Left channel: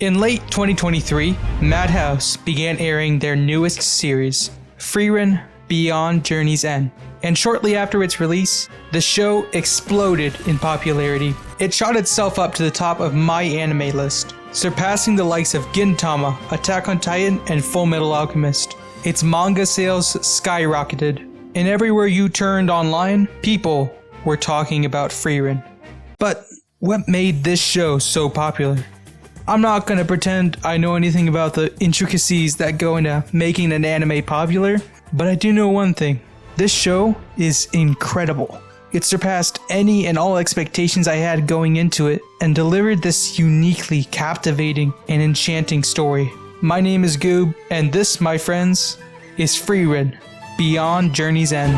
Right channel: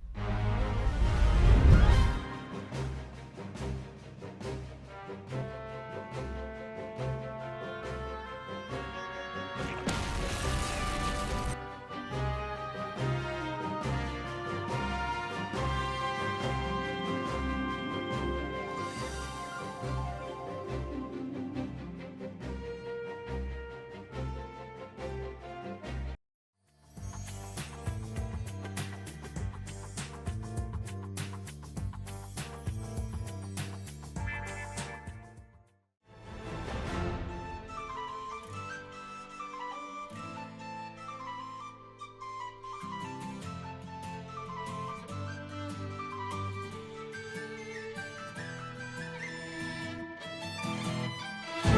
In late 2023, Madhouse began airing their newest series, Frieren Beyond Journey's End, and shortly after its release, the show exploded in popularity. It shot itself up to the top of my anime list, surpassing the likes of Gintama, Attack on Titan, and Full Metal Alchemist. Its manga sales skyrocketed, and everywhere you turned online, people were talking about Frieren. But what made this show so popular? I'm not gonna pretend I know anything about the intricacies that go into making an anime popular, but I do know one thing. This show is incredible. It surpassed any and all expectations I had going into it and delivered this uniquely captivating and enchanting story. My name is Goob, and this, my friends, is Frieren Beyond Journey's End.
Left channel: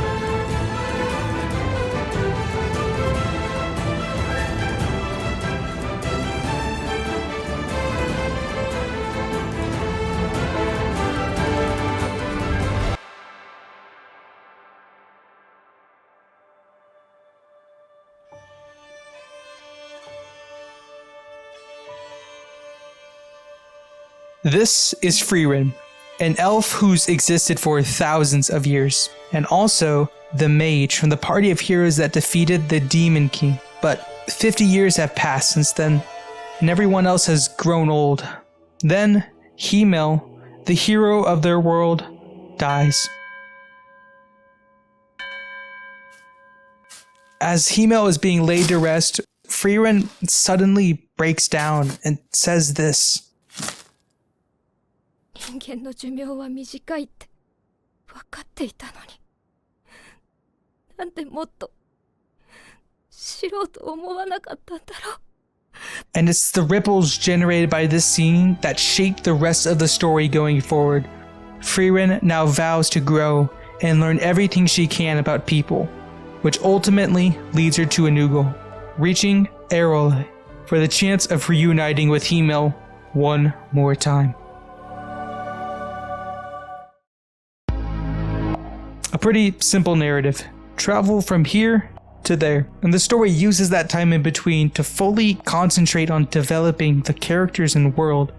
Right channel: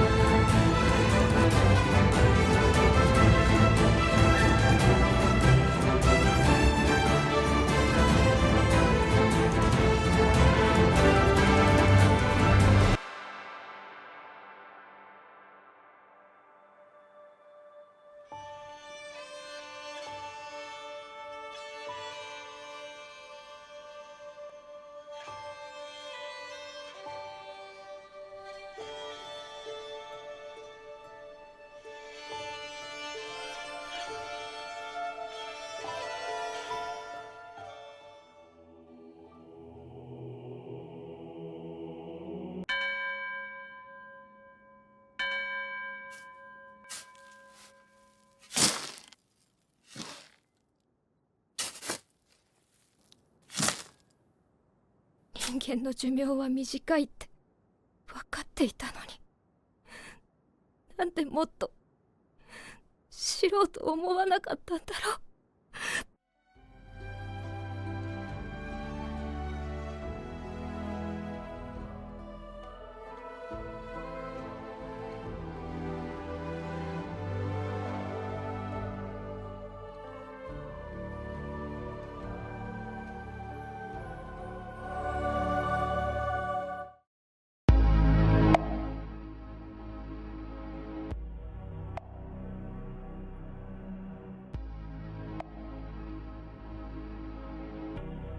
This is Frieren, an elf who's existed for thousands of years, and also the mage from the party of heroes that defeated the Demon King. But 50 years have passed since then, and everyone else has grown old. Then, Himmel, the hero of their world, dies. As Himmel is being laid to rest, Frieren suddenly breaks down and says this. 人間の寿命は短いって分かっていたのに、なんでもっと知ろうと思わなかったんだろう。 And it's the ripples generated by this scene that shape the rest of the story going forward. Frieren now vows to grow and learn everything she can about people, which ultimately leads her to a new goal, reaching Erole for the chance of reuniting with Himmel one more time. A pretty simple narrative. Travel from here to there. And the story uses that time in between to fully concentrate on developing the characters and world.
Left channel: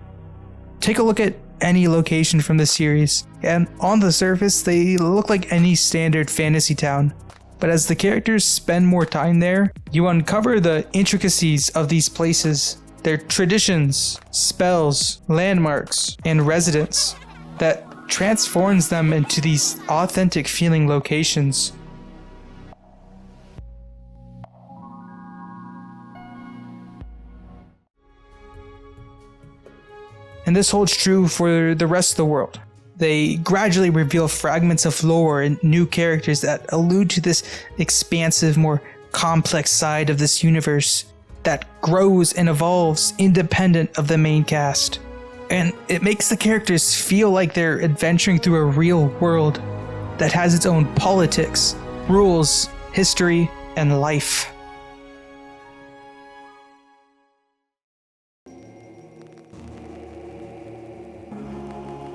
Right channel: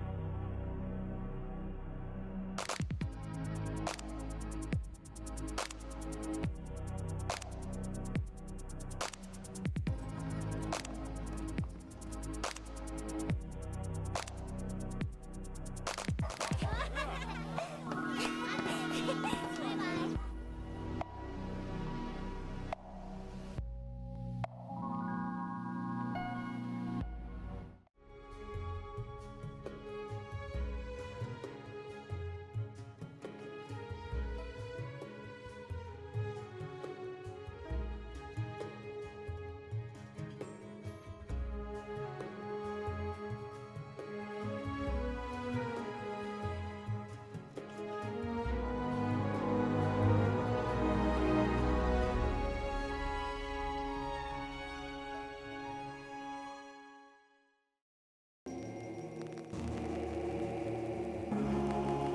Take a look at any location from the series, and on the surface they look like any standard fantasy town. But as the characters spend more time there, you uncover the intricacies of these places, their traditions, spells, landmarks, and residents that transforms them into these authentic feeling locations. And this holds true for the rest of the world. They gradually reveal fragments of lore and new characters that allude to this expansive, more complex side of this universe that grows and evolves independent of the main cast. And it makes the characters feel like they're adventuring through a real world that has its own politics, rules, history, and life.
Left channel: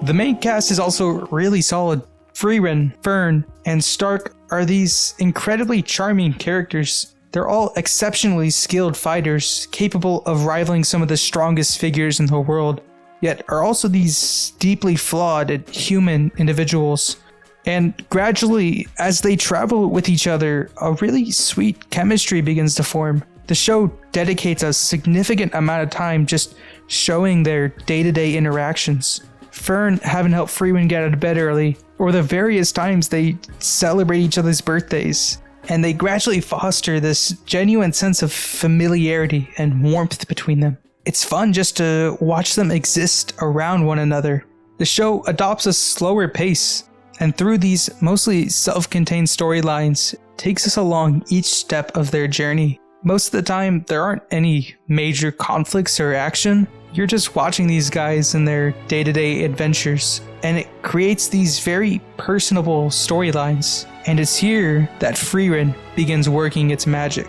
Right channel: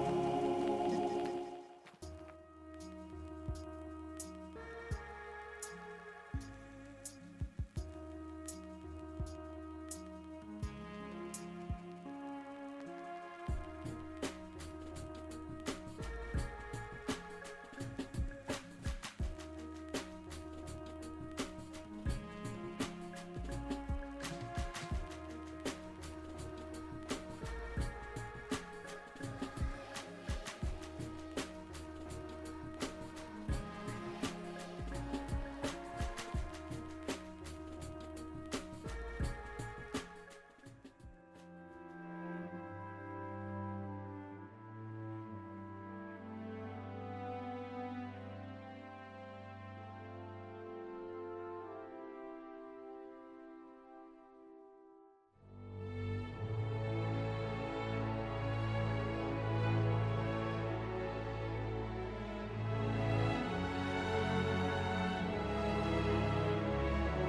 The main cast is also really solid. Frieren, Fern, and Stark are these incredibly charming characters. They're all exceptionally skilled fighters, capable of rivaling some of the strongest figures in the world, yet are also these deeply flawed and human individuals. And gradually, as they travel with each other, a really sweet chemistry begins to form. The show dedicates a significant amount of time just showing their day-to-day interactions. Fern having helped Frieren get out of bed early, or the various times they celebrate each other's birthdays. And they gradually foster this genuine sense of familiarity and warmth between them. It's fun just to watch them exist around one another. The show adopts a slower pace, and through these mostly self-contained storylines, takes us along each step of their journey. Most of the time, there aren't any major conflicts or action. You're just watching these guys in their day-to-day adventures, and it creates these very personable storylines. And it's here that Frieren begins working its magic.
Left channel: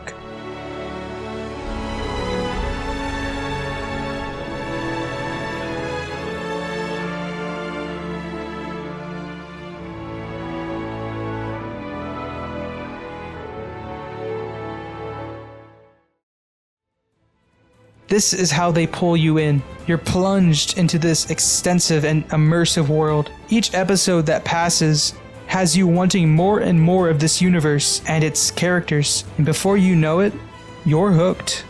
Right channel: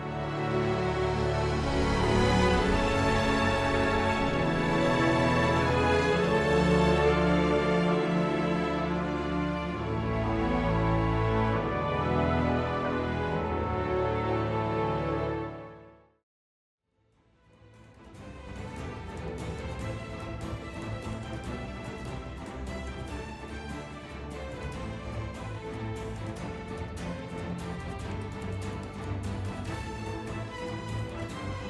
This is how they pull you in. You're plunged into this extensive and immersive world. Each episode that passes has you wanting more and more of this universe and its characters. And before you know it, you're hooked.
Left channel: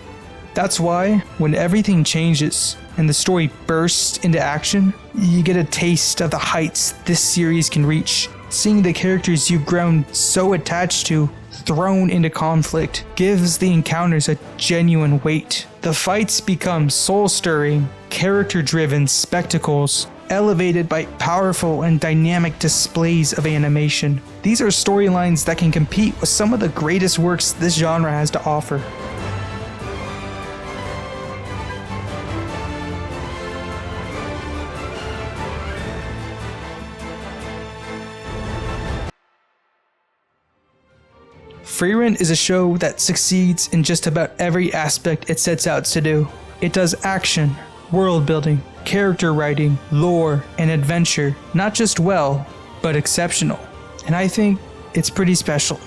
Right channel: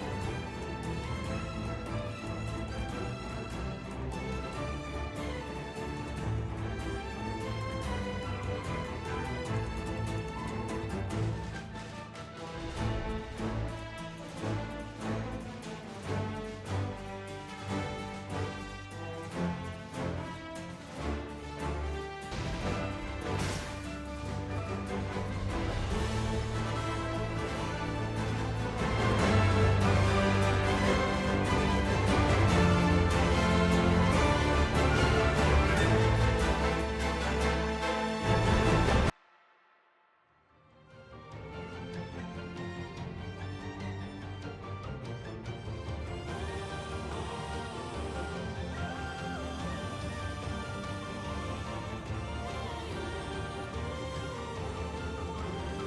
That's why, when everything changes and the story bursts into action, you get a taste of the heights this series can reach. Seeing the characters you've grown so attached to thrown into conflict gives the encounters a genuine weight. The fights become soul-stirring, character-driven spectacles, elevated by powerful and dynamic displays of animation. These are storylines that can compete with some of the greatest works this genre has to offer. Frieren is a show that succeeds in just about every aspect it sets out to do. It does action, world building, character writing, lore, and adventure, not just well, but exceptional. And I think it's pretty special.